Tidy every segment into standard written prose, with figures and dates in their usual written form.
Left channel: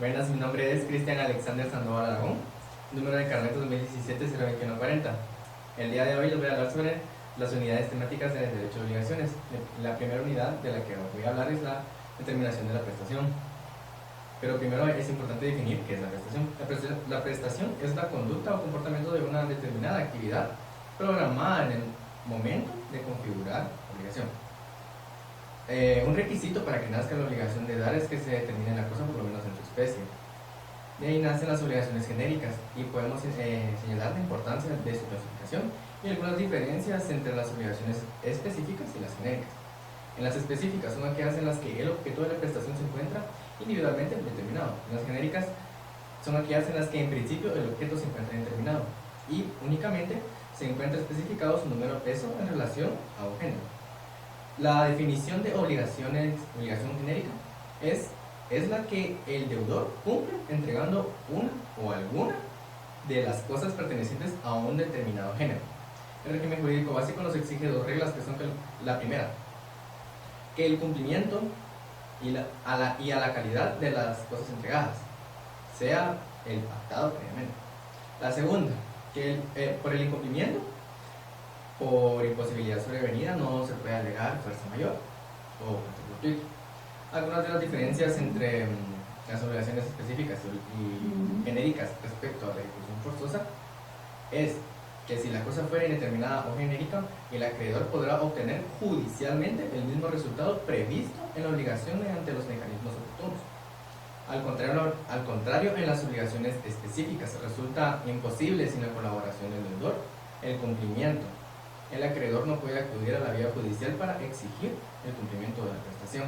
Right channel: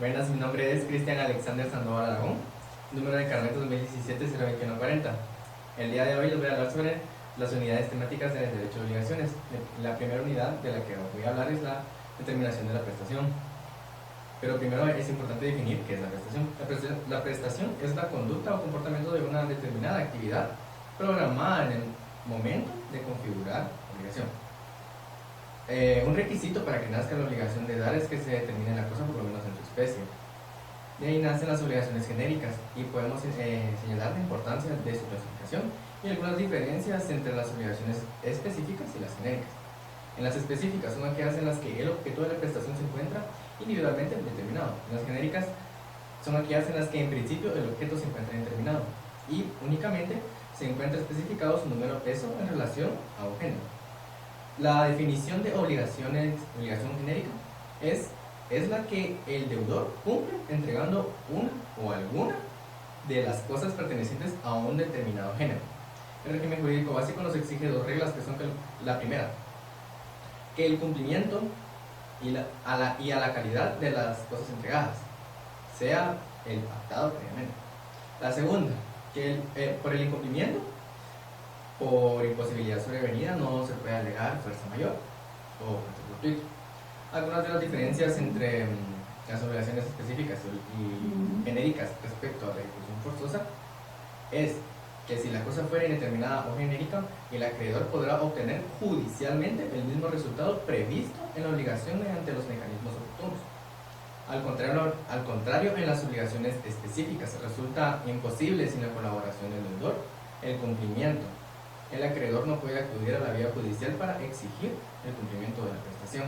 Buenas, mi nombre es Cristian Alexander Sandoval Aragón, número de carnet 2017-02140. El día de hoy voy a hablar sobre las unidades temáticas de las 8 obligaciones. La primera unidad de la que os voy a hablar es la determinación de la prestación. Pero primero es importante definir qué es la prestación. La prestación es la conducta o comportamiento de una determinada actividad programada en el momento de configurar la obligación. Un requisito para que nazca la obligación de dar es que se determine la cosa por lo menos en su especie. De ahí nacen las obligaciones genéricas y podemos señalar la importancia de su clasificación y algunas diferencias entre las obligaciones específicas y las genéricas. En las específicas son aquellas en las que el objeto de la prestación se encuentra individualmente determinado. En las genéricas son aquellas en las que en principio el objeto se encuentra indeterminado y únicamente se encuentra especificado su número S en relación a un género. La definición de obligación genérica es la que el deudor cumple entregando un o alguna de las cosas pertenecientes a un determinado género. Un régimen jurídico básico nos exige dos reglas que son la primera, que el cumplimiento y a la calidad de las cosas entregadas sea imputado por el juez. La segunda, que por el incumplimiento por imposibilidad sobrevenida no se puede alegar fuerza mayor o conflicto. Algunas de las diferencias entre las obligaciones específicas y genéricas respecto a la forzosa es que si la cosa fuera indeterminada o genérica, el acreedor podrá obtener judicialmente el mismo resultado previsto en la obligación mediante los mecanismos oportunos. Al contrario, en las obligaciones específicas resulta imposible sin la colaboración del deudor el cumplimiento. El acreedor no puede acudir a la vía judicial para exigir el cumplimiento de la prestación.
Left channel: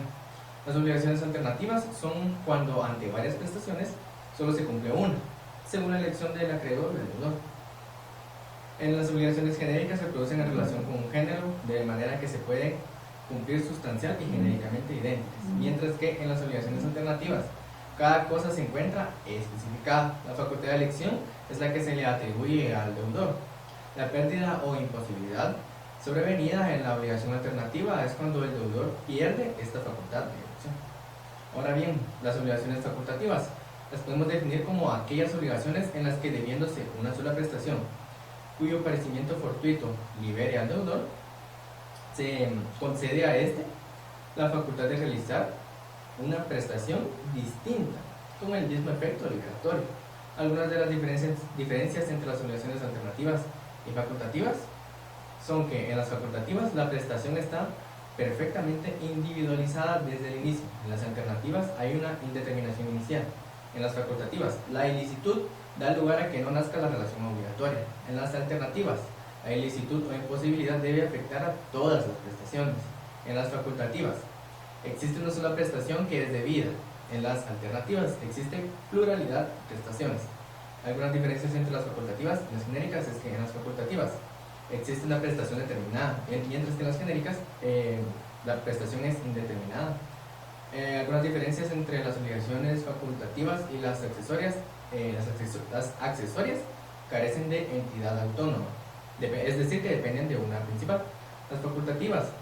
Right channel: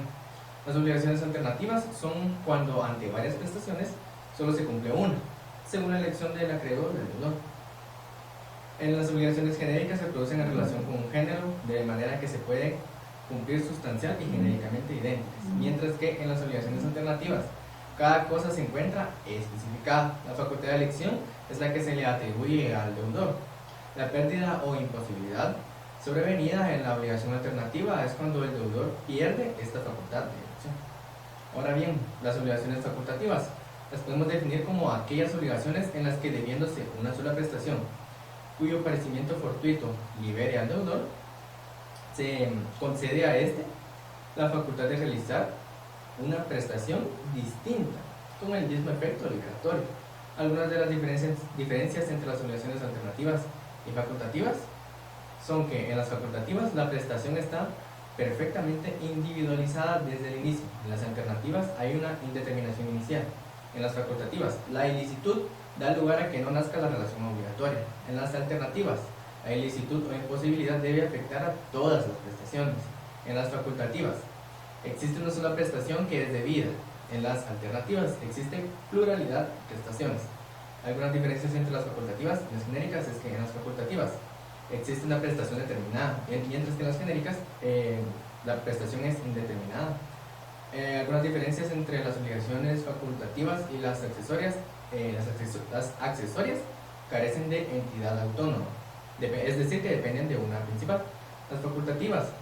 Las obligaciones alternativas son cuando ante varias prestaciones solo se cumple una, según la elección del acreedor o del deudor. En las obligaciones genéricas se producen en relación con un género, de manera que se pueden cumplir sustancial y genéricamente idénticas, mientras que en las obligaciones alternativas cada cosa se encuentra especificada. La facultad de elección es la que se le atribuye al deudor. La pérdida o imposibilidad sobrevenida en la obligación alternativa es cuando el deudor pierde esta facultad de elección. Ahora bien, las obligaciones facultativas las podemos definir como aquellas obligaciones en las que, debiéndose una sola prestación, cuyo perecimiento fortuito libere al deudor, se concede a este la facultad de realizar una prestación distinta, como el tema efecto obligatorio. Algunas de las diferencias entre las obligaciones alternativas y facultativas son que en las facultativas la prestación está perfectamente individualizada desde el inicio. En las alternativas hay una indeterminación inicial. En las facultativas, la ilicitud da lugar a que no nazca la relación obligatoria. En las alternativas, la ilicitud o imposibilidad debe afectar a todas las prestaciones. En las facultativas, existe una sola prestación que es debida. En las alternativas, existe pluralidad de prestaciones. Algunas diferencias entre las facultativas y las genéricas es que en las facultativas existe una prestación determinada, mientras que en las genéricas la prestación es indeterminada. Algunas diferencias entre las obligaciones facultativas y las accesorias. Las accesorias carecen de entidad autónoma, es decir, que dependen de una principal. Las facultativas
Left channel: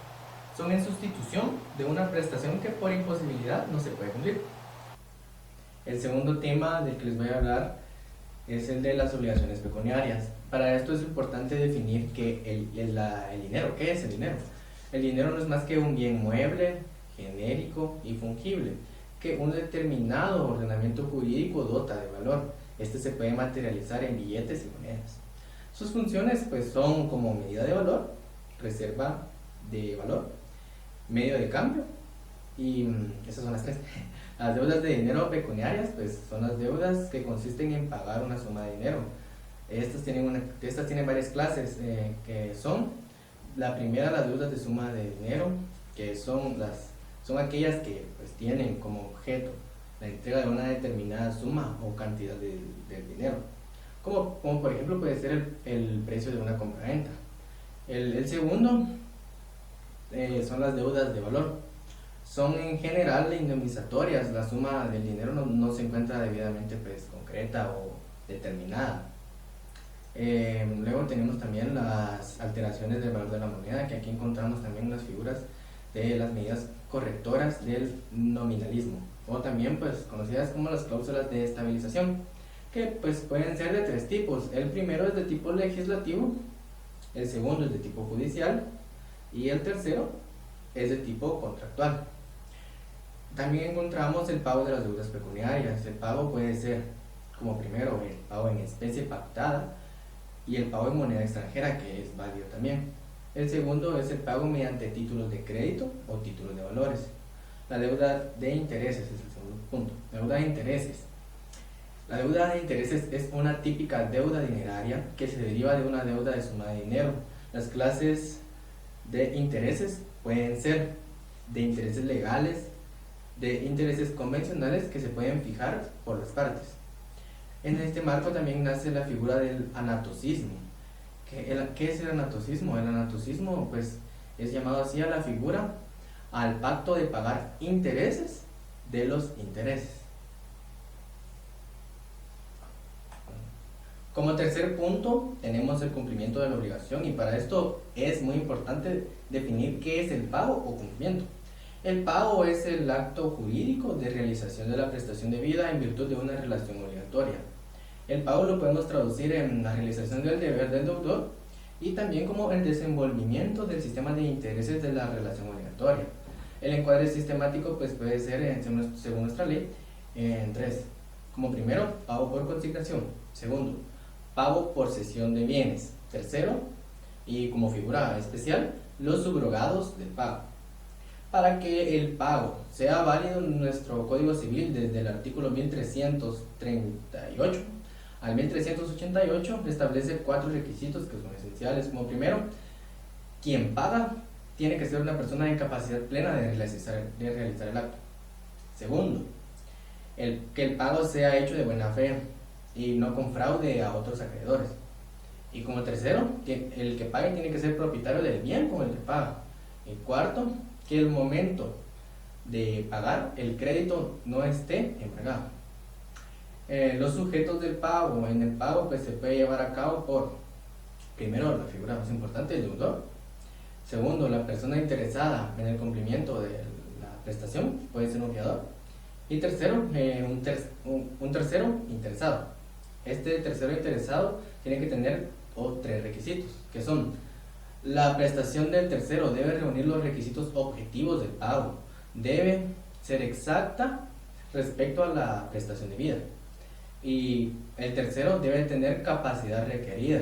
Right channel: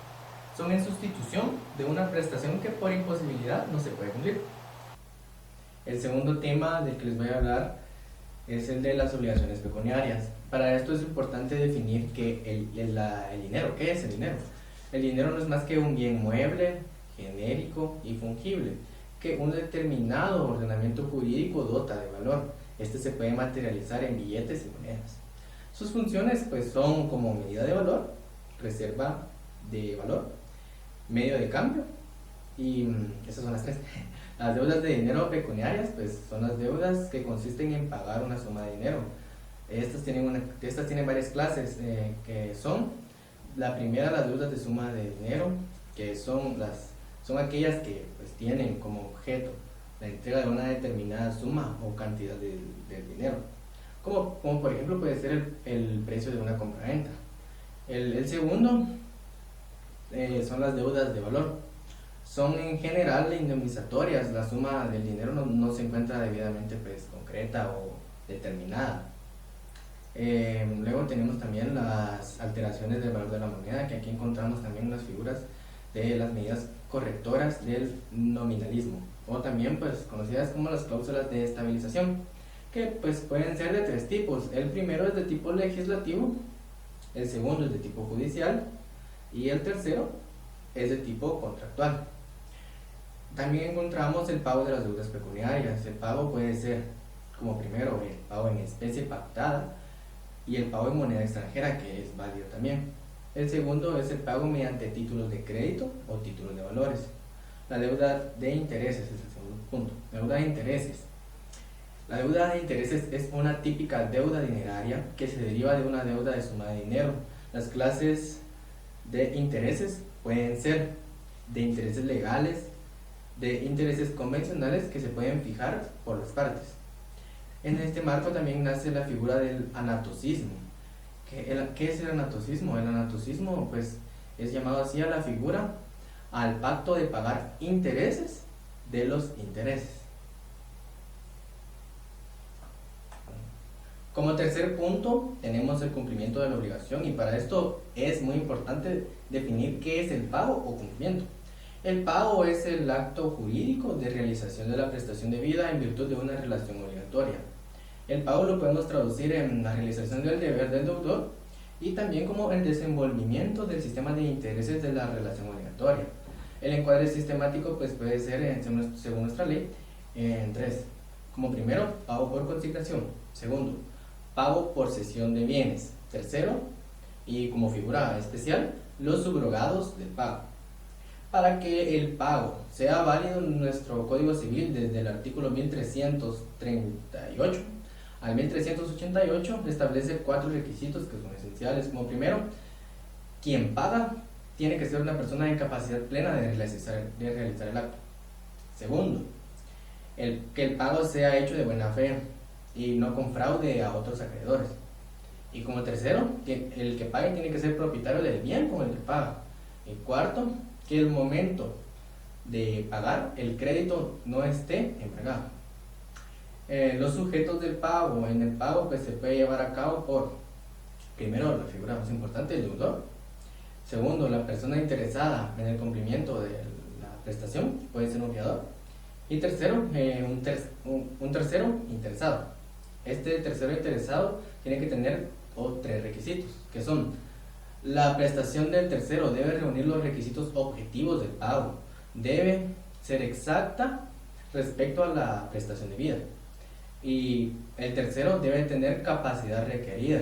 son en sustitución de una prestación que por imposibilidad no se puede cumplir. El segundo tema del que les voy a hablar es el de las obligaciones pecuniarias. Para esto es importante definir que el dinero, ¿qué es el dinero? El dinero no es más que un bien mueble, genérico y fungible, que un determinado ordenamiento jurídico dota de valor. Este se puede materializar en billetes y monedas. Sus funciones pues son como medida de valor, reserva de valor, medio de cambio, y esas son las tres. Las deudas de dinero pecuniarias pues son las deudas que consisten en pagar una suma de dinero. Estas tienen varias clases, que son: la primera, las deudas de suma de dinero, que son aquellas que pues, tienen como objeto la entrega de una determinada suma o cantidad de dinero, como por ejemplo puede ser el precio de una compraventa. El segundo son las deudas de valor. Son en general indemnizatorias. La suma del dinero no se encuentra debidamente pues, concreta o determinada. Luego tenemos también las alteraciones del valor de la moneda, que aquí encontramos también las figuras de las medidas correctoras del nominalismo. o también pues conocidas como las cláusulas de estabilización, que pues pueden ser de tres tipos. El primero es de tipo legislativo, el segundo es de tipo judicial y el tercero es de tipo contractual. También encontramos el pago de las deudas ferroviarias. El pago puede ser como primero el pago en especie pactada y el pago en moneda extranjera, que es válido también. El segundo es el pago mediante títulos de crédito o títulos de valores. La deuda de intereses es el segundo punto. La deuda de intereses. La deuda de intereses es una típica deuda dineraria que se deriva de una deuda de suma de dinero. Las clases de intereses pueden ser de intereses legales, de intereses convencionales que se pueden fijar por las partes. En este marco también nace la figura del anatocismo. ¿Qué es el anatocismo? El anatocismo pues es llamado así a la figura al pacto de pagar intereses de los intereses. Como tercer punto tenemos el cumplimiento de la obligación, y para esto es muy importante definir qué es el pago o cumplimiento. El pago es el acto jurídico de realización de la prestación de vida en virtud de una relación obligatoria. El pago lo podemos traducir en la realización del deber del deudor y también como el desenvolvimiento del sistema de intereses de la relación obligatoria. El encuadre sistemático pues puede ser, según nuestra ley, en tres. Como primero, pago por calificación. Segundo, pago por cesión de bienes. Tercero, y como figura especial, los subrogados de pago. Para que el pago sea válido en nuestro Código Civil, desde el artículo 1338 al 1388, establece 4 requisitos que son esenciales. Como primero, quien paga tiene que ser una persona de capacidad plena de realizar el acto. Segundo, que el pago sea hecho de buena fe y no con fraude a otros acreedores. Y como tercero, que el que pague tiene que ser propietario del bien con el que paga. Y cuarto, que el momento de pagar el crédito no esté embargado. Los sujetos del pago, en el pago pues se puede llevar a cabo por, primero, la figura más importante, el deudor. Segundo, la persona interesada en el cumplimiento de la prestación, puede ser un deudor. Y tercero, un tercero interesado. Este tercero interesado tiene que tener tres requisitos, que son: la prestación del tercero debe reunir los requisitos objetivos del pago, debe ser exacta respecto a la prestación debida, y el tercero debe tener capacidad requerida.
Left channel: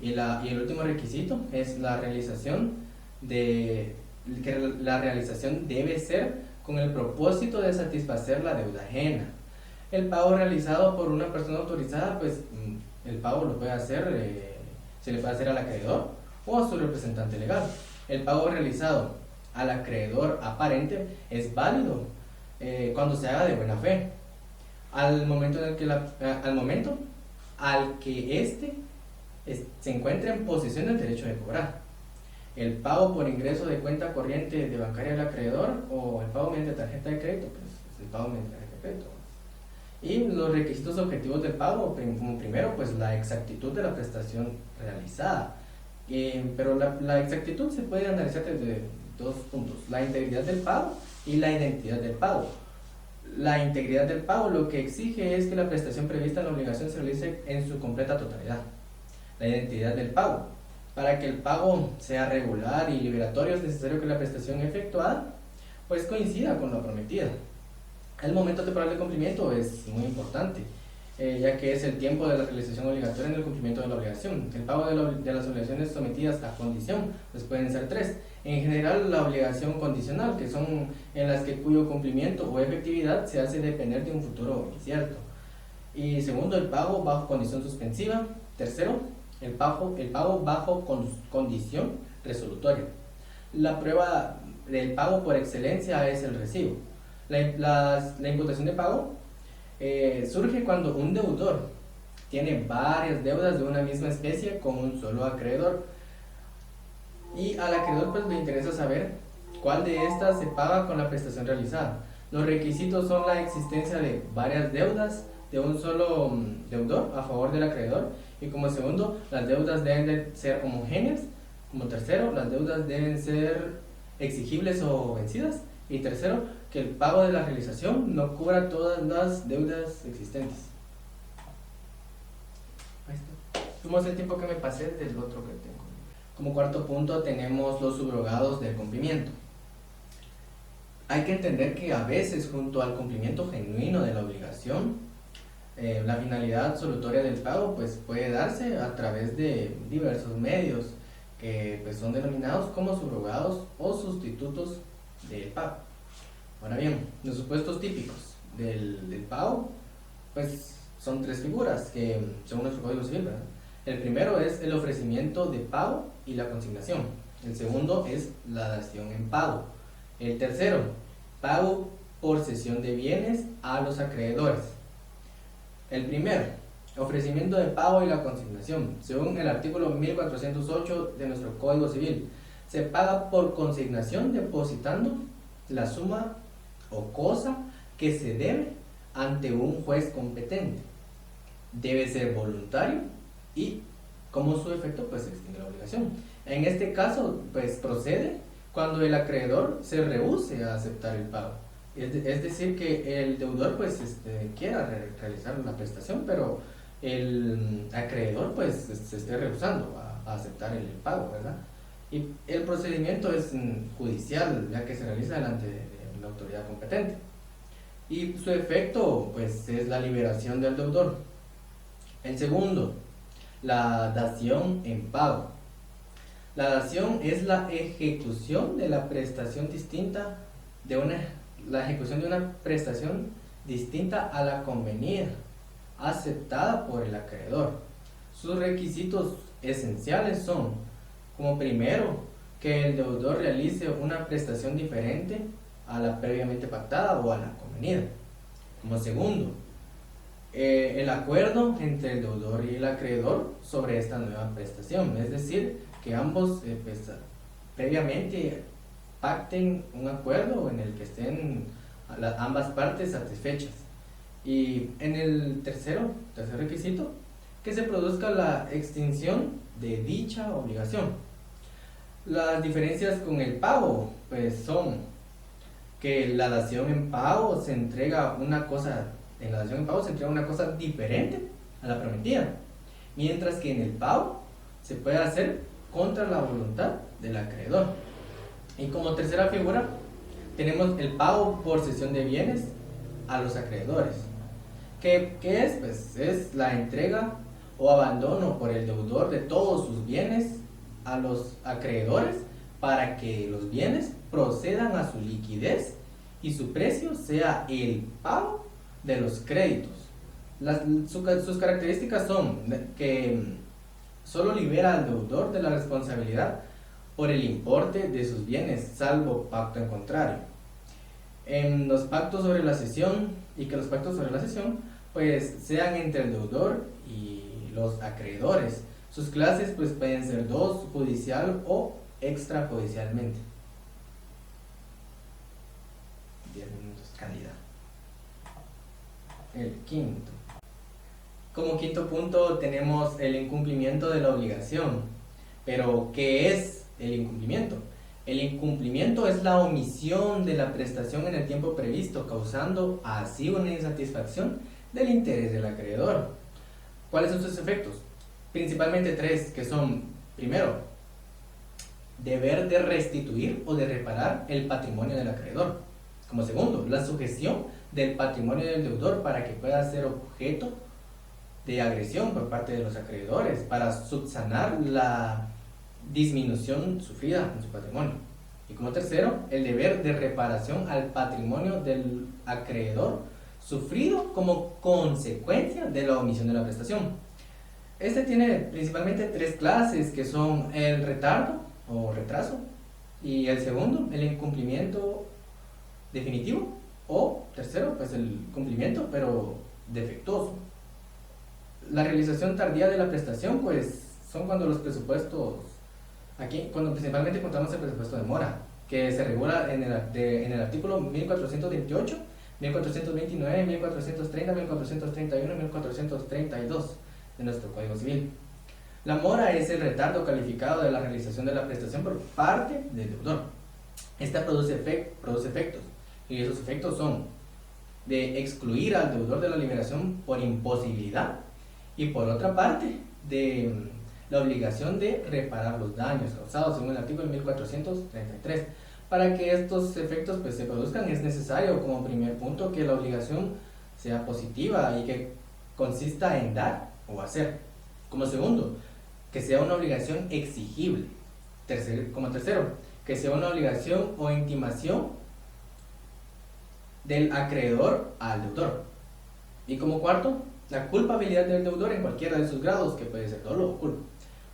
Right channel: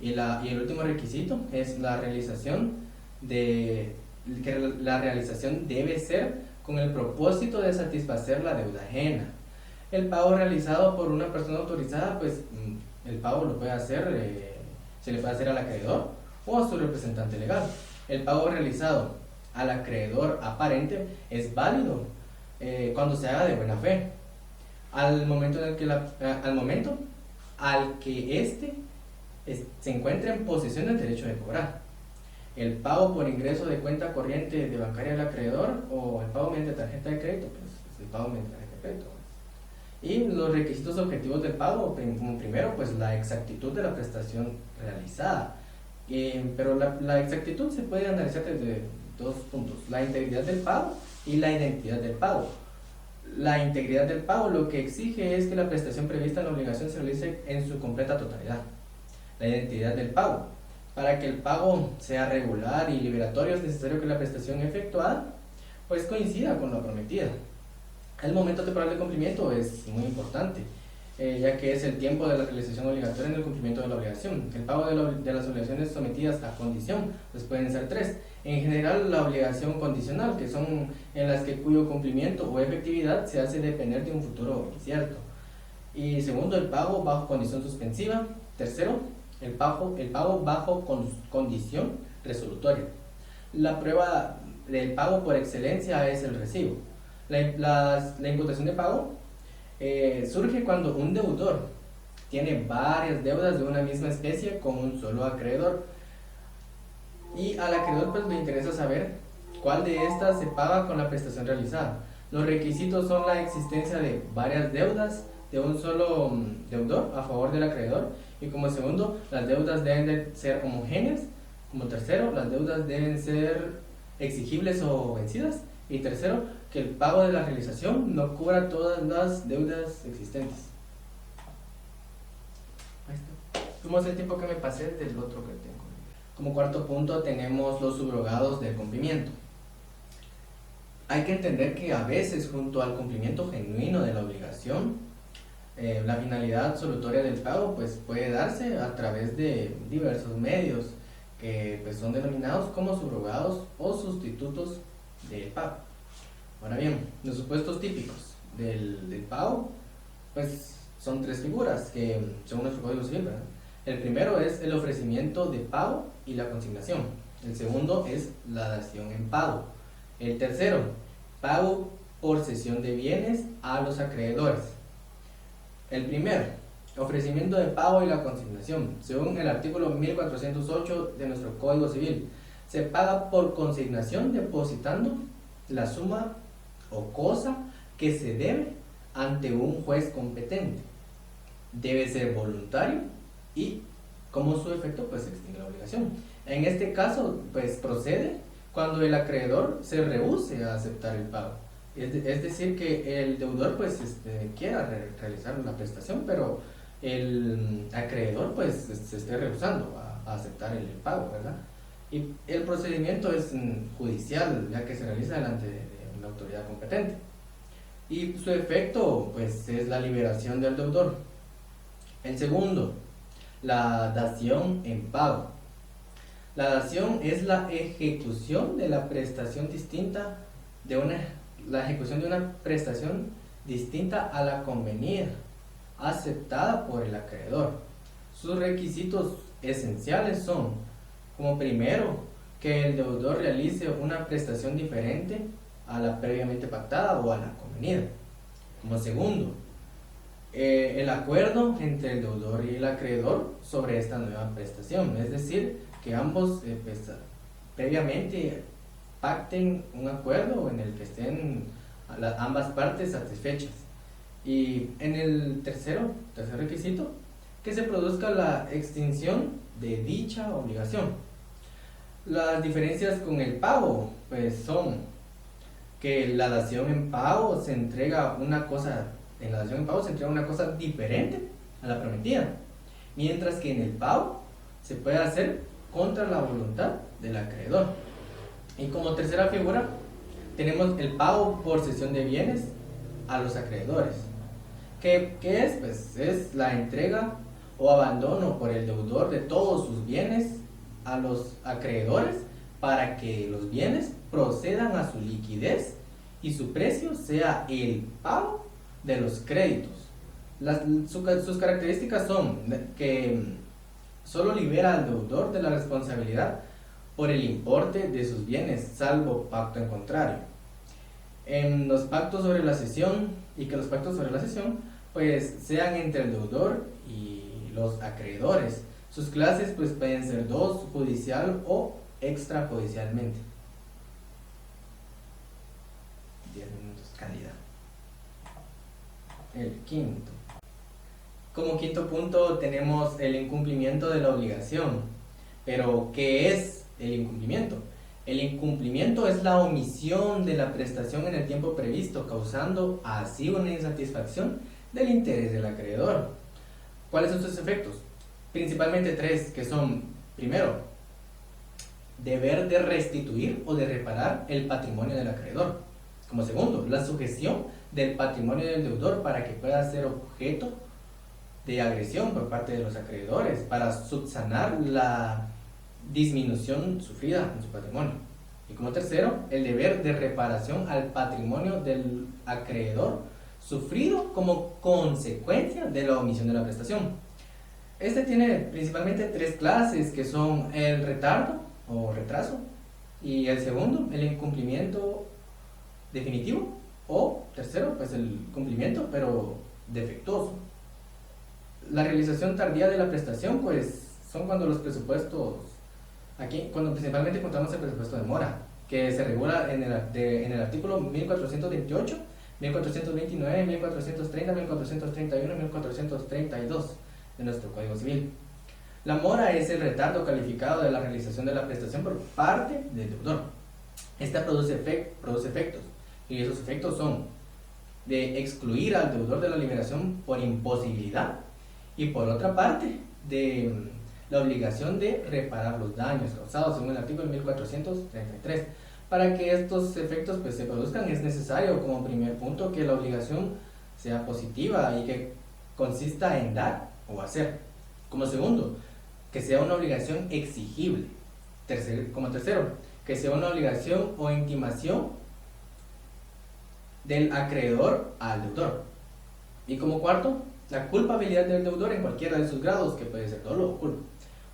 Y el último requisito es la realización que la realización debe ser con el propósito de satisfacer la deuda ajena. El pago realizado por una persona autorizada, pues el pago lo puede hacer, se le puede hacer al acreedor o a su representante legal. El pago realizado al acreedor aparente es válido cuando se haga de buena fe, al momento al que éste se encuentra en posesión del derecho de cobrar. El pago por ingreso de cuenta corriente de bancaria del acreedor, o el pago mediante tarjeta de crédito, que es el pago mediante tarjeta de crédito. Y los requisitos objetivos del pago, como primero, pues la exactitud de la prestación realizada. Pero la exactitud se puede analizar desde dos puntos: la integridad del pago y la identidad del pago. La integridad del pago lo que exige es que la prestación prevista en la obligación se realice en su completa totalidad. La identidad del pago: para que el pago sea regular y liberatorio es necesario que la prestación efectuada pues coincida con la prometida. El momento temporal de cumplimiento es muy importante, ya que es el tiempo de la realización obligatoria en el cumplimiento de la obligación. El pago de las obligaciones sometidas a condición pues pueden ser tres. En general, la obligación condicional, que son en las que cuyo cumplimiento o efectividad se hace depender de un futuro incierto. Y segundo, el pago bajo condición suspensiva. Tercero, el pago bajo condición resolutoria. La prueba del pago por excelencia es el recibo. La imputación de pago surge cuando un deudor tiene varias deudas de una misma especie con un solo acreedor, y al acreedor pues le interesa saber cuál de estas se paga con la prestación realizada. Los requisitos son la existencia de varias deudas de un solo deudor a favor del acreedor, y como segundo, las deudas deben de ser homogéneas. Como tercero, las deudas deben ser exigibles o vencidas. Y tercero, que el pago de la realización no cubra todas las deudas existentes. ¿Cómo es el tiempo que me pasé del otro? Como cuarto punto tenemos los subrogados del cumplimiento. Hay que entender que a veces junto al cumplimiento genuino de la obligación, la finalidad absolutoria del pago pues, puede darse a través de diversos medios que pues, son denominados como subrogados o sustitutos de pago. Ahora bien, los supuestos típicos del pago pues, son tres figuras que según los códigos civil. El primero es el ofrecimiento de pago y la consignación. El segundo es la dación en pago. El tercero, pago por cesión de bienes a los acreedores. El primero, ofrecimiento de pago y la consignación. Según el artículo 1408 de nuestro Código Civil, se paga por consignación depositando la suma o cosa que se debe ante un juez competente. Debe ser voluntario y como su efecto pues extingue la obligación. En este caso, pues procede cuando el acreedor se rehúse a aceptar el pago. Es decir, que el deudor pues quiera realizar la prestación, pero el acreedor pues se esté rehusando a aceptar el pago, ¿verdad? Y el procedimiento es judicial, ya que se realiza delante de una autoridad competente. Y su efecto pues es la liberación del deudor. El segundo, la dación en pago. La dación es la ejecución de la prestación distinta la ejecución de una prestación distinta a la convenida, aceptada por el acreedor. Sus requisitos esenciales son, como primero, que el deudor realice una prestación diferente a la previamente pactada o a la convenida. Como segundo, el acuerdo entre el deudor y el acreedor sobre esta nueva prestación, es decir, que ambos previamente pacten un acuerdo en el que estén ambas partes satisfechas. Y en el tercer requisito, que se produzca la extinción de dicha obligación. Las diferencias con el pago pues son que la dación en pago se entrega una cosa diferente a la prometida, mientras que en el pago se puede hacer contra la voluntad del acreedor. Y como tercera figura tenemos el pago por cesión de bienes a los acreedores. ¿Qué es? Pues es la entrega o abandono por el deudor de todos sus bienes a los acreedores para que los bienes procedan a su liquidez y su precio sea el pago de los créditos. Sus características son que solo libera al deudor de la responsabilidad por el importe de sus bienes, salvo pacto en contrario. En los pactos sobre la cesión, y que los pactos sobre la cesión pues sean entre el deudor y los acreedores. Sus clases pues pueden ser dos, judicial o extrajudicialmente. 10 minutos, candidato. El quinto. Como quinto punto tenemos el incumplimiento de la obligación. Pero, ¿qué es el incumplimiento? El incumplimiento es la omisión de la prestación en el tiempo previsto, causando así una insatisfacción del interés del acreedor. ¿Cuáles son sus efectos? Principalmente tres, que son, primero, deber de restituir o de reparar el patrimonio del acreedor. Como segundo, la sujeción del patrimonio del deudor para que pueda ser objeto de agresión por parte de los acreedores para subsanar la disminución sufrida con su patrimonio. Y como tercero, el deber de reparación al patrimonio del acreedor sufrido como consecuencia de la omisión de la prestación. Este tiene principalmente tres clases, que son el retardo o retraso, y el segundo, el incumplimiento definitivo, o tercero, es el cumplimiento pero defectuoso. La realización tardía de la prestación pues son cuando los presupuestos, aquí cuando principalmente contamos el presupuesto de mora, que se regula en el artículo 1428, 1429, 1430, 1431, 1432 de nuestro Código Civil. La mora es el retardo calificado de la realización de la prestación por parte del deudor. Esta produce efectos Y esos efectos son de excluir al deudor de la liberación por imposibilidad y por otra parte de la obligación de reparar los daños causados según el artículo 1433. Para que estos efectos pues, se produzcan es necesario como primer punto que la obligación sea positiva y que consista en dar o hacer. Como segundo, que sea una obligación exigible. Como tercero, que sea una obligación o intimación del acreedor al deudor. Y como cuarto, la culpabilidad del deudor en cualquiera de sus grados, que puede ser dolo o culpa.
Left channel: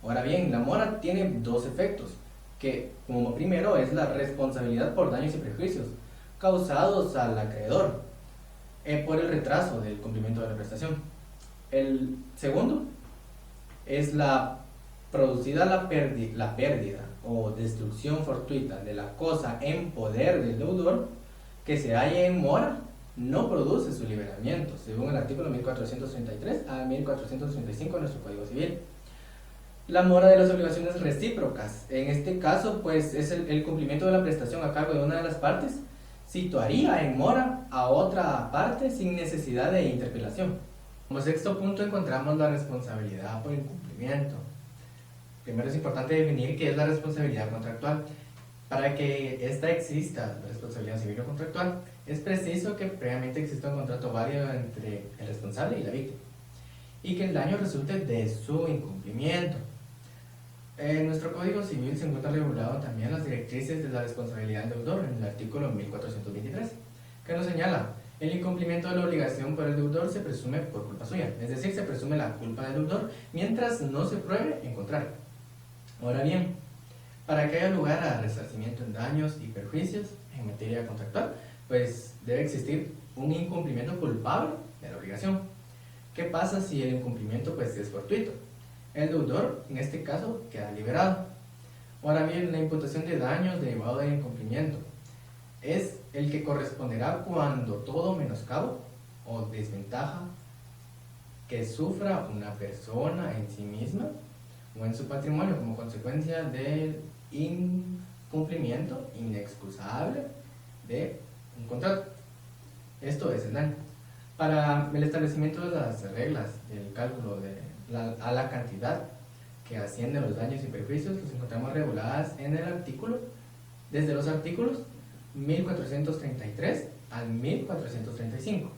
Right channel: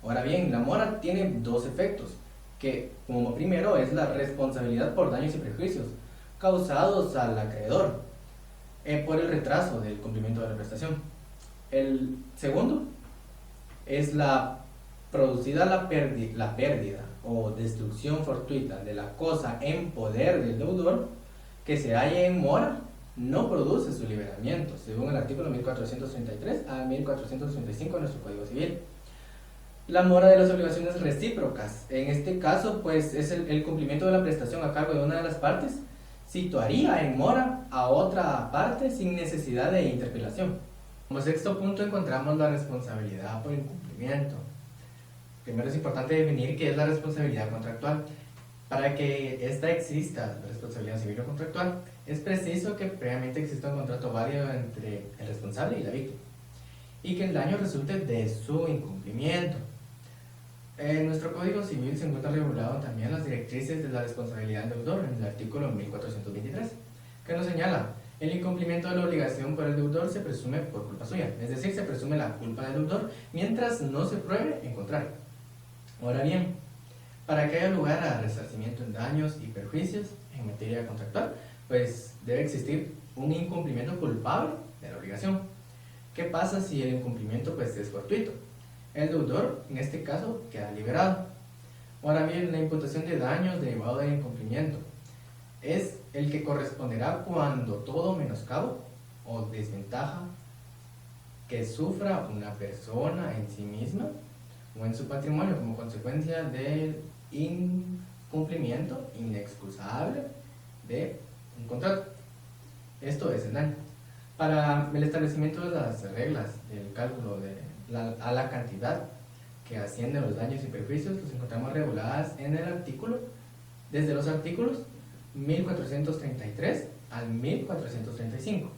Ahora bien, la mora tiene dos efectos, que como primero es la responsabilidad por daños y perjuicios causados al acreedor por el retraso del cumplimiento de la prestación. El segundo es la producida la pérdida o destrucción fortuita de la cosa en poder del deudor que se halla en mora no produce su liberamiento, según el artículo 1433 a 1435 de nuestro Código Civil. La mora de las obligaciones recíprocas. En este caso, pues, es el cumplimiento de la prestación a cargo de una de las partes situaría en mora a otra parte sin necesidad de interpelación. Como sexto punto encontramos la responsabilidad por incumplimiento. Primero es importante definir qué es la responsabilidad contractual. Para que exista, la responsabilidad civil o contractual, es preciso que previamente exista un contrato válido entre el responsable y la víctima y que el daño resulte de su incumplimiento. En nuestro Código Civil se encuentra regulado también las directrices de la responsabilidad del deudor en el artículo 1423, que nos señala: el incumplimiento de la obligación para el deudor se presume por culpa suya, es decir, se presume la culpa del deudor mientras no se pruebe en contrario. Ahora bien, para que haya lugar a resarcimiento en daños y perjuicios en materia contractual, pues debe existir un incumplimiento culpable de la obligación. ¿Qué pasa si el incumplimiento pues, es fortuito? El deudor, en este caso, queda liberado. Ahora bien, la imputación de daños derivado del incumplimiento es el que corresponderá cuando todo menoscabo o desventaja que sufra una persona en sí misma o en su patrimonio como consecuencia del incumplimiento inexcusable de un contrato. Esto es el daño. Para el establecimiento de las reglas, el cálculo a la cantidad que ascienden los daños y perjuicios que se encontramos reguladas en el artículo, desde los artículos 1433 al 1435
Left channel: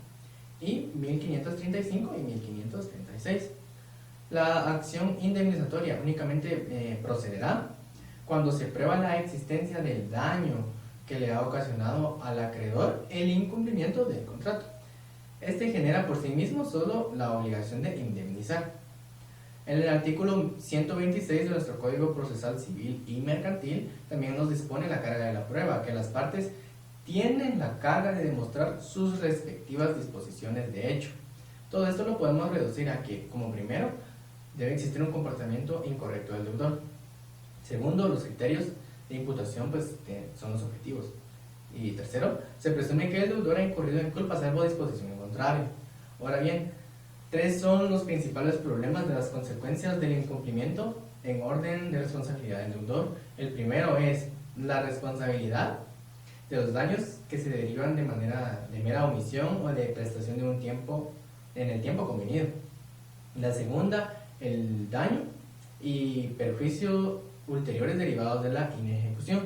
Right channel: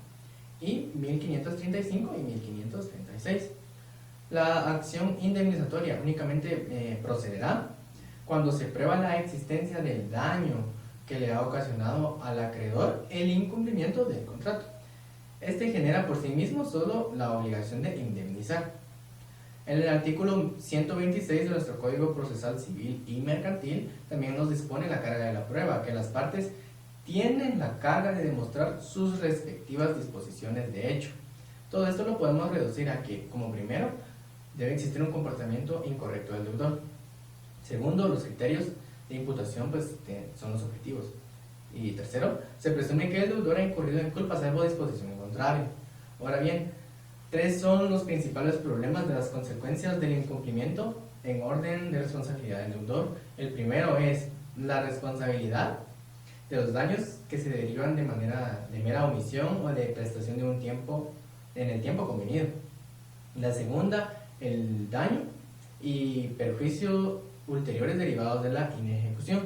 y 1535 y 1536. La acción indemnizatoria únicamente procederá cuando se prueba la existencia del daño que le ha ocasionado al acreedor el incumplimiento del contrato. Este genera por sí mismo solo la obligación de indemnizar. En el artículo 126 de nuestro Código Procesal Civil y Mercantil también nos dispone la carga de la prueba, que las partes tienen la carga de demostrar sus respectivas disposiciones de hecho. Todo esto lo podemos reducir a que, como primero, debe existir un comportamiento incorrecto del deudor. Segundo, los criterios de imputación pues, son los objetivos. Y tercero, se presume que el deudor ha incurrido en culpa salvo disposición contraria. Ahora bien, tres son los principales problemas de las consecuencias del incumplimiento en orden de responsabilidad del deudor. El primero es la responsabilidad de los daños que se derivan de mera omisión o de prestación de un tiempo en el tiempo conveniente. La segunda, el daño y perjuicio ulteriores derivados de la inejecución.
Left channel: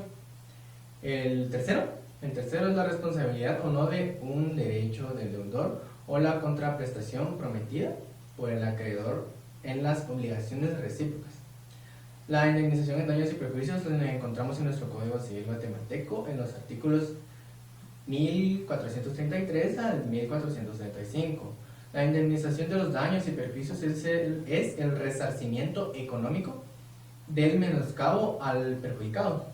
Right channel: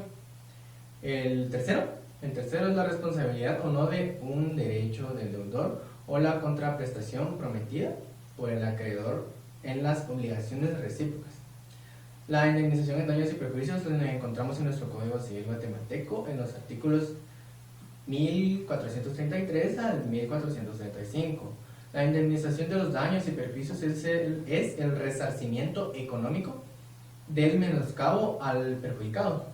El tercero es la responsabilidad o no de un derecho del deudor o la contraprestación prometida por el acreedor en las obligaciones recíprocas. La indemnización de daños y perjuicios la encontramos en nuestro Código Civil guatemalteco en los artículos 1433 al 1435. La indemnización de los daños y perjuicios es el resarcimiento económico del menoscabo al perjudicado.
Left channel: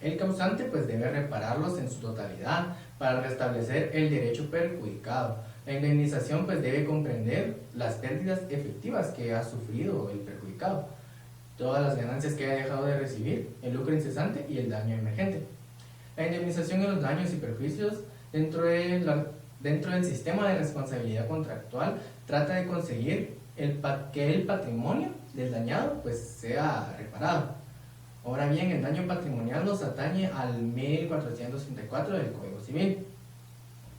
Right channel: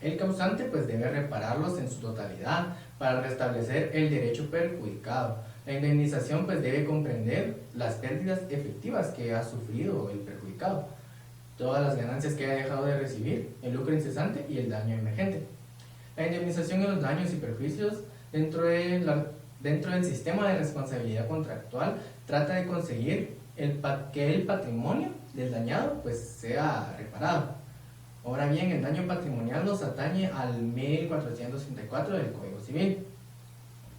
El causante pues debe repararlos en su totalidad para restablecer el derecho perjudicado. La indemnización pues debe comprender las pérdidas efectivas que ha sufrido el perjudicado, todas las ganancias que ha dejado de recibir, el lucro incesante y el daño emergente. La indemnización de los daños y perjuicios dentro del sistema de responsabilidad contractual trata de conseguir que el patrimonio del dañado pues sea reparado. Ahora bien, el daño patrimonial nos atañe al 1434 del Código Civil.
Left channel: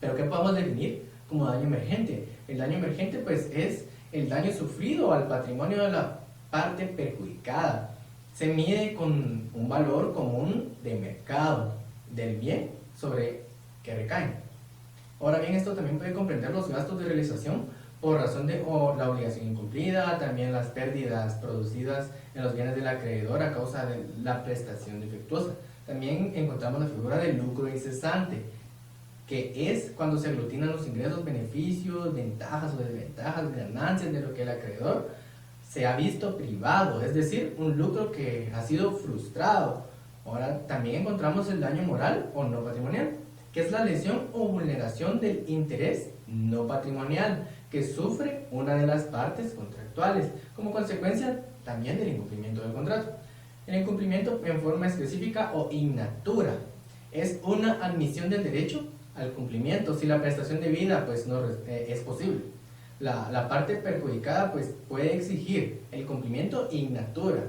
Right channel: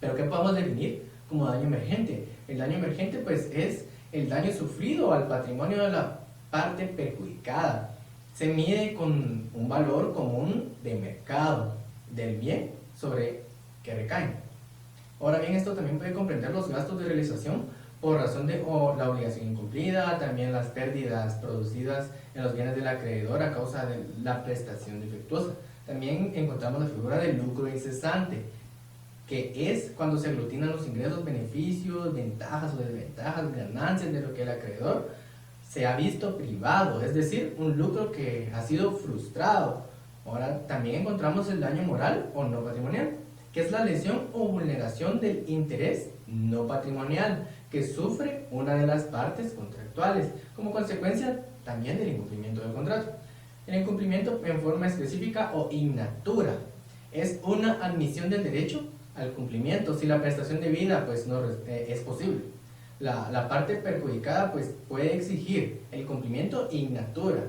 Pero ¿qué podemos definir como daño emergente? El daño emergente pues es el daño sufrido al patrimonio de la parte perjudicada. Se mide con un valor común de mercado del bien sobre que recae. Ahora bien, esto también puede comprender los gastos de realización por razón de la obligación incumplida, también las pérdidas producidas en los bienes del acreedor a causa de la prestación defectuosa. También encontramos la figura del lucro incesante, que es cuando se aglutinan los ingresos, beneficios, ventajas o desventajas, ganancias de lo que el acreedor se ha visto privado, es decir, un lucro que ha sido frustrado. Ahora también encontramos el daño moral o no patrimonial, que es la lesión o vulneración del interés no patrimonial que sufre una de las partes contractuales, como consecuencia también del incumplimiento del contrato. El incumplimiento en forma específica o in natura es una admisión del derecho al cumplimiento si la prestación debida pues, no, es posible. La parte perjudicada pues, puede exigir el cumplimiento in natura.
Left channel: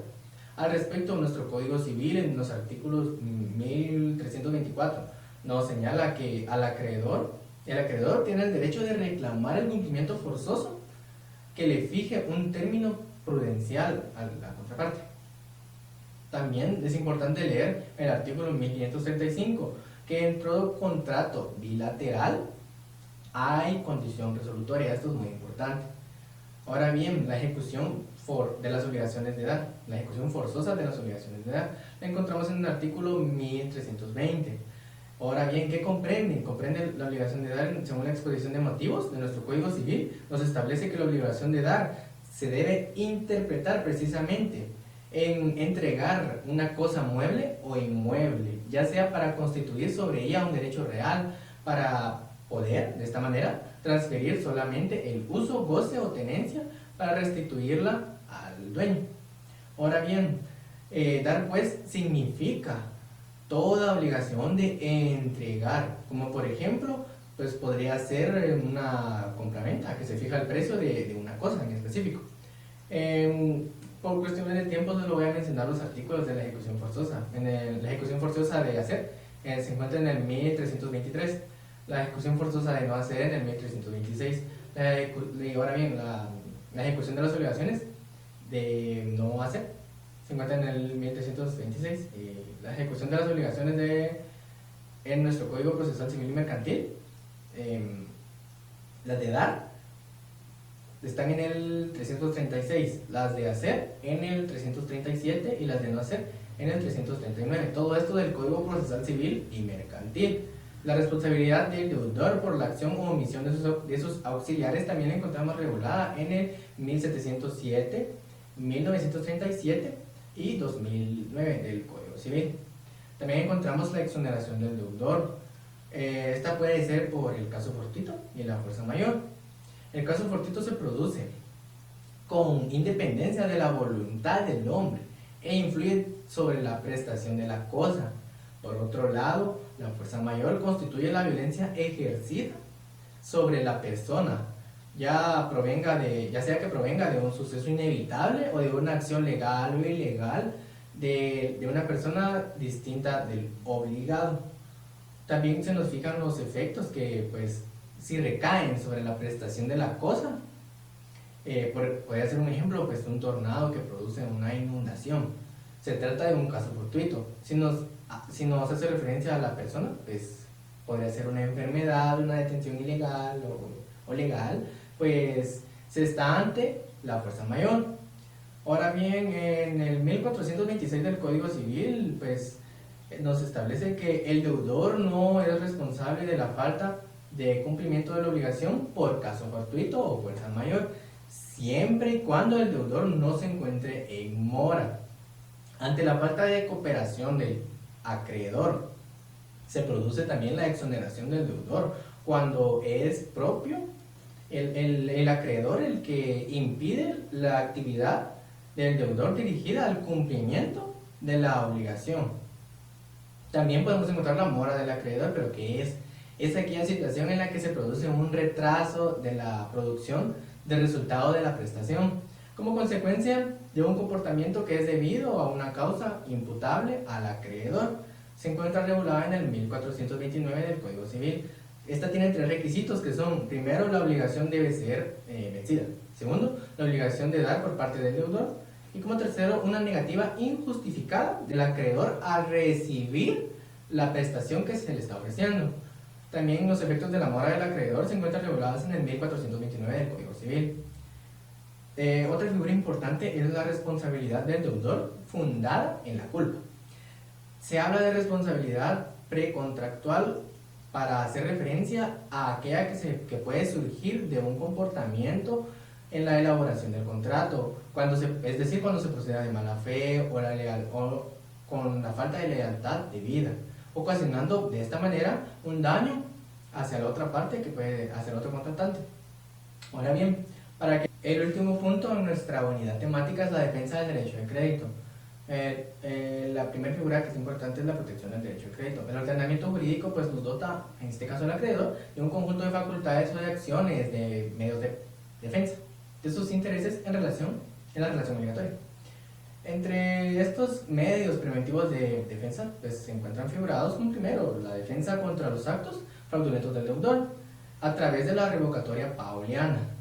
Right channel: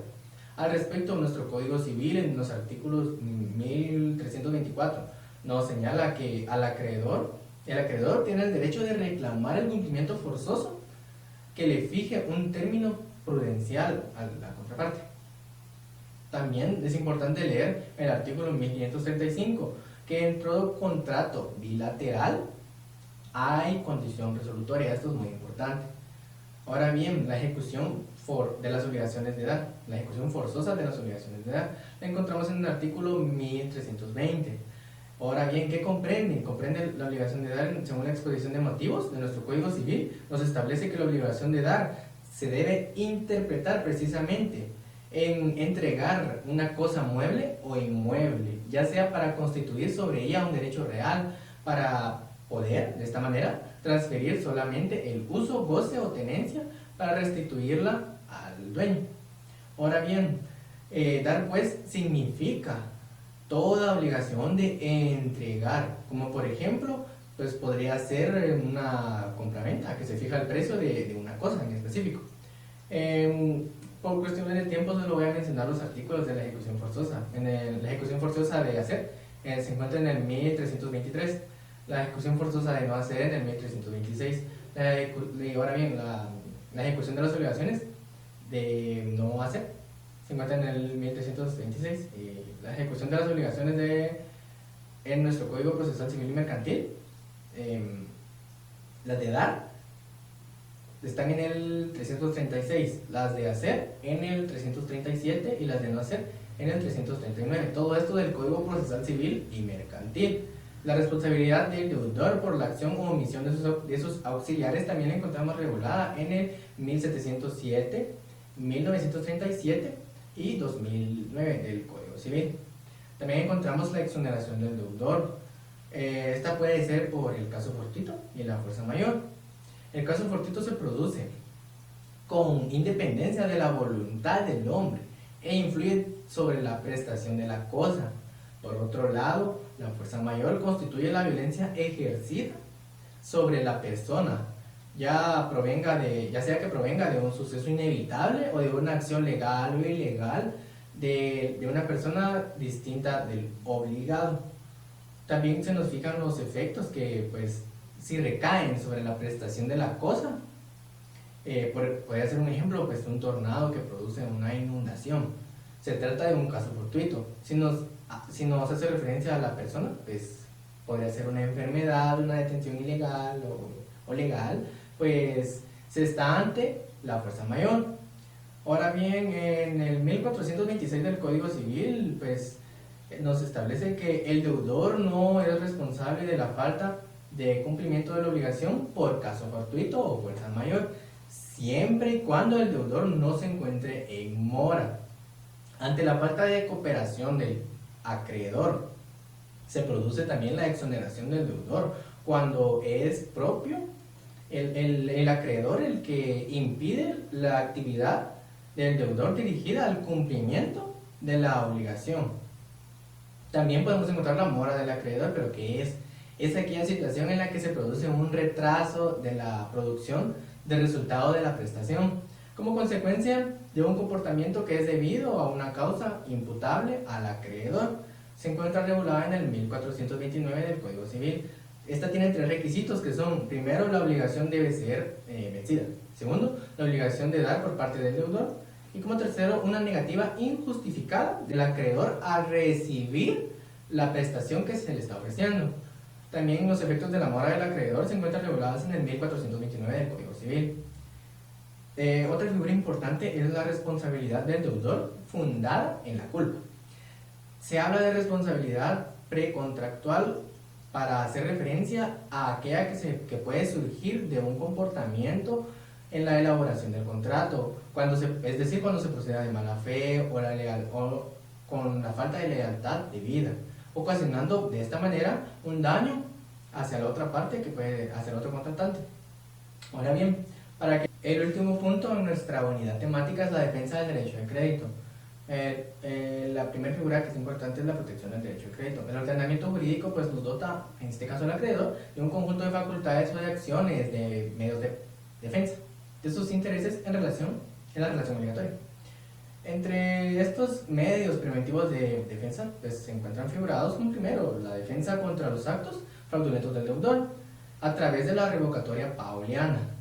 Al respecto a nuestro Código Civil, en los artículos 1324, nos señala que el acreedor tiene el derecho de reclamar el cumplimiento forzoso que le fije un término prudencial a la contraparte. También es importante leer el artículo 1535, que en todo contrato bilateral hay condición resolutoria. Esto es muy importante. Ahora bien, la ejecución de las obligaciones de edad, la ejecución forzosa de las obligaciones de edad, la encontramos en el artículo 1320. Ahora bien, ¿qué comprende? Comprende la obligación de dar, según la exposición de motivos de nuestro Código Civil, nos establece que la obligación de dar se debe interpretar precisamente en entregar una cosa mueble o inmueble, ya sea para constituir sobre ella un derecho real, para poder, de esta manera, transferir solamente el uso, goce o tenencia para restituirla al dueño. Ahora bien, dar pues significa toda obligación de entregar, como por ejemplo, pues podría ser una compraventa que se fija el precio de una cosa en específico. Por cuestiones de tiempo solo voy a mencionar los artículos de la ejecución forzosa. La ejecución forzosa de hacer se encuentra en el 1323, la ejecución forzosa de no hacer en el 1326. Ahora bien, la ejecución de las obligaciones de no hacer se encuentra en el 1326. La ejecución de las obligaciones en nuestro Código Procesal Civil y Mercantil, las de dar, están en el 336, las de hacer en el 337 y las de no hacer en el 339. Todo esto del Código Procesal Civil y Mercantil. La responsabilidad del deudor por la acción o omisión de sus auxiliares también encontramos regulada en el 1707, 1937 y 2009 del Código Civil. También encontramos la exoneración del deudor. Esta puede ser por el caso fortuito y la fuerza mayor. El caso fortuito se produce con independencia de la voluntad del hombre e influye sobre la prestación de la cosa. Por otro lado, la fuerza mayor constituye la violencia ejercida sobre la persona, ya sea que provenga de un suceso inevitable o de una acción legal o ilegal de una persona distinta del obligado. También se nos fijan los efectos que, pues, si recaen sobre la prestación de la cosa. Puede ser un ejemplo, pues, un tornado que produce una inundación. Se trata de un caso fortuito. Si nos hace referencia a la persona, pues, podría ser una enfermedad, una detención ilegal o legal, pues, se está ante la fuerza mayor. Ahora bien, en el 1426 del Código Civil, pues, nos establece que el deudor no es responsable de la falta de cumplimiento de la obligación por caso fortuito o fuerza mayor, siempre y cuando el deudor no se encuentre en mora. Ante la falta de cooperación del acreedor, se produce también la exoneración del deudor, cuando es propio el acreedor el que impide la actividad del deudor dirigida al cumplimiento de la obligación. También podemos encontrar la mora del acreedor, pero que es aquella situación en la que se produce un retraso de la producción del resultado de la prestación, como consecuencia de un comportamiento que es debido a una causa imputable al acreedor. Se encuentra regulada en el 1429 del Código Civil. Esta tiene tres requisitos que son, primero, la obligación debe ser vencida. Segundo, la obligación de dar por parte del deudor. Y como tercero, una negativa injustificada del acreedor a recibir la prestación que se le está ofreciendo. También los efectos de la mora del acreedor se encuentran regulados en el 1429 del Código Civil. Otra figura importante es la responsabilidad del deudor fundada en la culpa. Se habla de responsabilidad precontractual para hacer referencia a aquella que puede surgir de un comportamiento en la elaboración del contrato. Es decir, cuando se proceda de mala fe o con la falta de lealtad debida, ocasionando de esta manera un daño hacia la otra parte que puede hacer otro contratante. Ahora bien, para que el último punto en nuestra unidad temática es la defensa del derecho al crédito. La primera figura que es importante es la protección del derecho al crédito. El ordenamiento jurídico pues nos dota, en este caso el acreedor, de un conjunto de facultades o de acciones de medios de defensa de sus intereses en la relación obligatoria. Entre estos medios preventivos de defensa pues, se encuentran figurados como primero la defensa contra los actos fraudulentos del deudor a través de la revocatoria pauliana.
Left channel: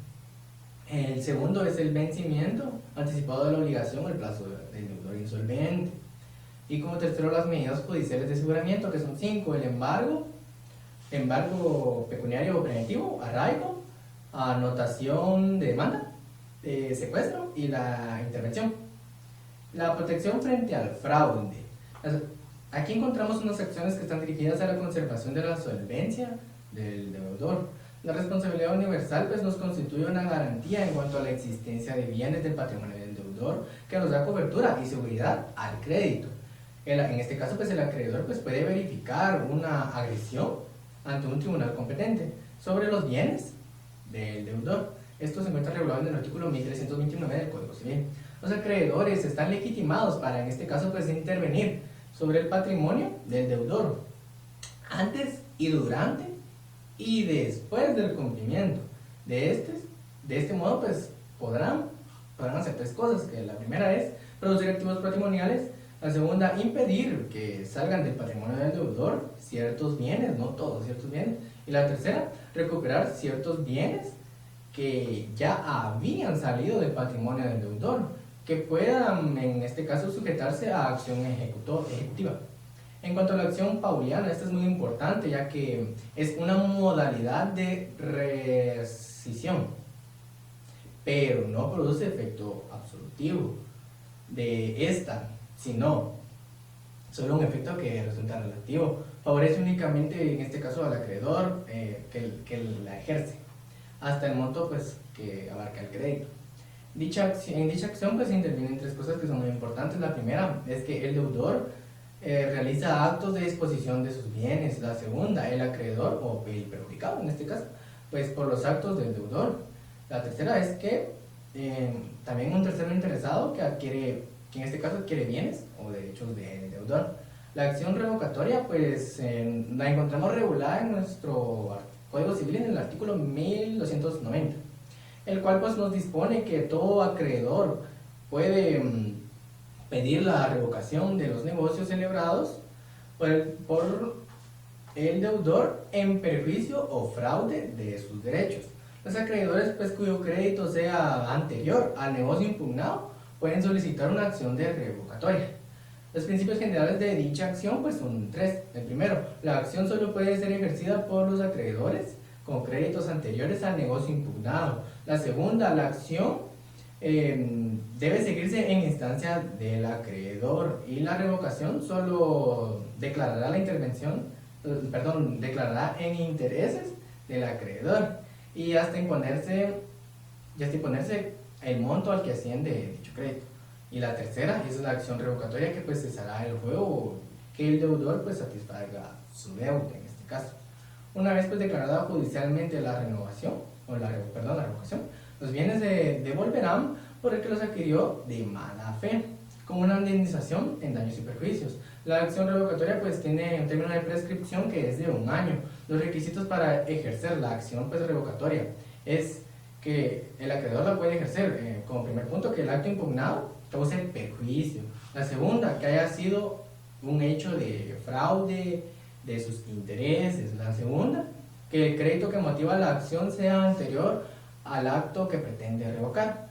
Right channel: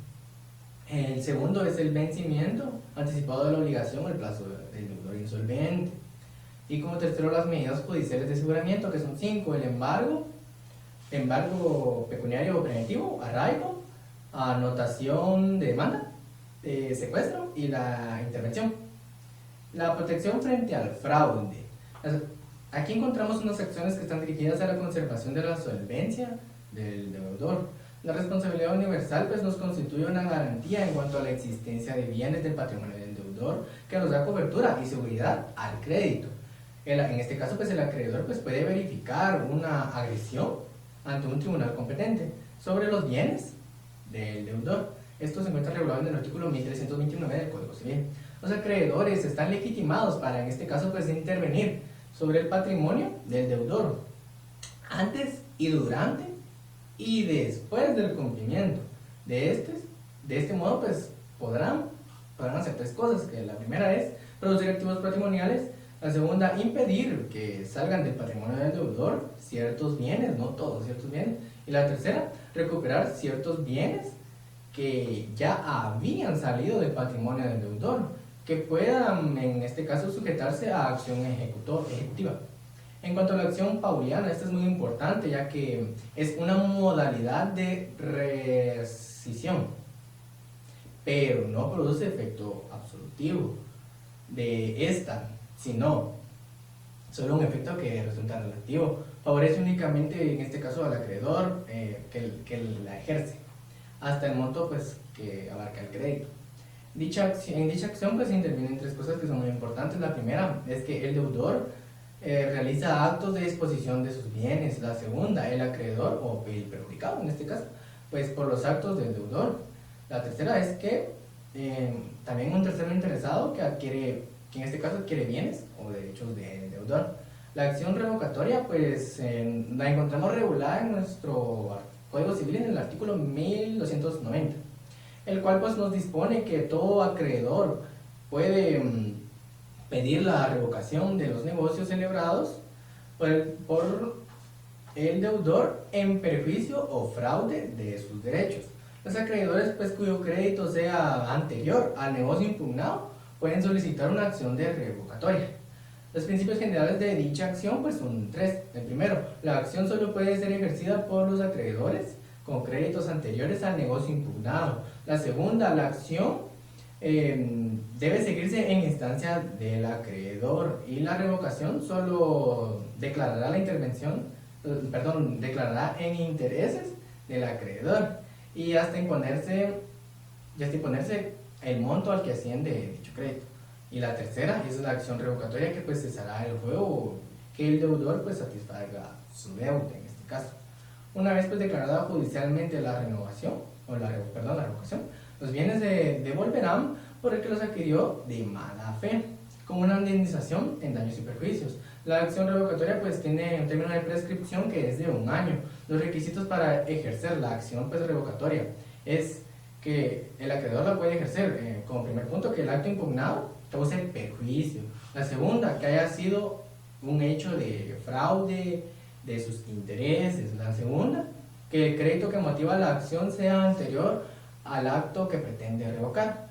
El segundo es el vencimiento anticipado de la obligación o el plazo del deudor insolvente. Y como tercero, las medidas judiciales de aseguramiento, que son 5: el embargo pecuniario o preventivo, arraigo, anotación de demanda, secuestro y la intervención. La protección frente al fraude. Aquí encontramos unas acciones que están dirigidas a la conservación de la solvencia del deudor. La responsabilidad universal pues, nos constituye una garantía en cuanto a la existencia de bienes del patrimonio del deudor que nos da cobertura y seguridad al crédito. En este caso, pues, el acreedor pues, puede verificar una agresión ante un tribunal competente sobre los bienes del deudor. Esto se encuentra regulado en el artículo 1329 del Código Civil. Los acreedores están legitimados para, en este caso, pues, intervenir sobre el patrimonio del deudor antes y durante y después del cumplimiento de este modo, pues, podrán hacer tres cosas, que la primera es producir activos patrimoniales, la segunda, impedir que salgan del patrimonio del deudor ciertos bienes, no todos ciertos bienes, y la tercera, recuperar ciertos bienes que ya habían salido del patrimonio del deudor, que puedan, en este caso, sujetarse a acción ejecutiva. En cuanto a la acción pauliana, esta es muy importante, ya que es una modalidad de rescisión, pero no produce efecto absolutivo de esta, sino solo un efecto que resulta relativo. Favorece únicamente, en este caso, al acreedor que la ejerce, hasta el monto pues, que abarca el crédito. En dicha acción pues, se intervienen tres cosas que son muy importantes. La primera es que el deudor realiza actos de disposición de sus bienes. La segunda, el acreedor, o el perjudicado en este caso, pues por los actos del deudor. La tercera es que también un tercero interesado que en este caso adquiere bienes o derechos del deudor. La acción revocatoria, pues la encontramos regulada en nuestro Código Civil en el artículo 1290, el cual pues nos dispone que todo acreedor puede pedir la revocación de los negocios celebrados por el deudor en perjuicio o fraude de sus derechos. Los acreedores pues, cuyo crédito sea anterior al negocio impugnado pueden solicitar una acción de revocatoria. Los principios generales de dicha acción pues, son tres. El primero, la acción solo puede ser ejercida por los acreedores con créditos anteriores al negocio impugnado. La segunda, la acción debe seguirse en instancia del acreedor, y la revocación solo declarará la intervención, declarará en intereses del acreedor y hasta imponerse el monto al que asciende dicho crédito. Y la tercera es la acción revocatoria que pues cesará el juego que el deudor pues satisfaga su deuda en este caso. Una vez pues declarada judicialmente la renovación, la revocación, los bienes se devolverán por el que los adquirió de mala fe, como una indemnización en daños y perjuicios. La acción revocatoria pues tiene un término de prescripción que es de 1 año. Los requisitos para ejercer la acción pues, revocatoria es que el acreedor la puede ejercer como primer punto que el acto impugnado cause perjuicio. La segunda, que haya sido un hecho de fraude de sus intereses. La segunda, que el crédito que motiva la acción sea anterior al acto que pretende revocar.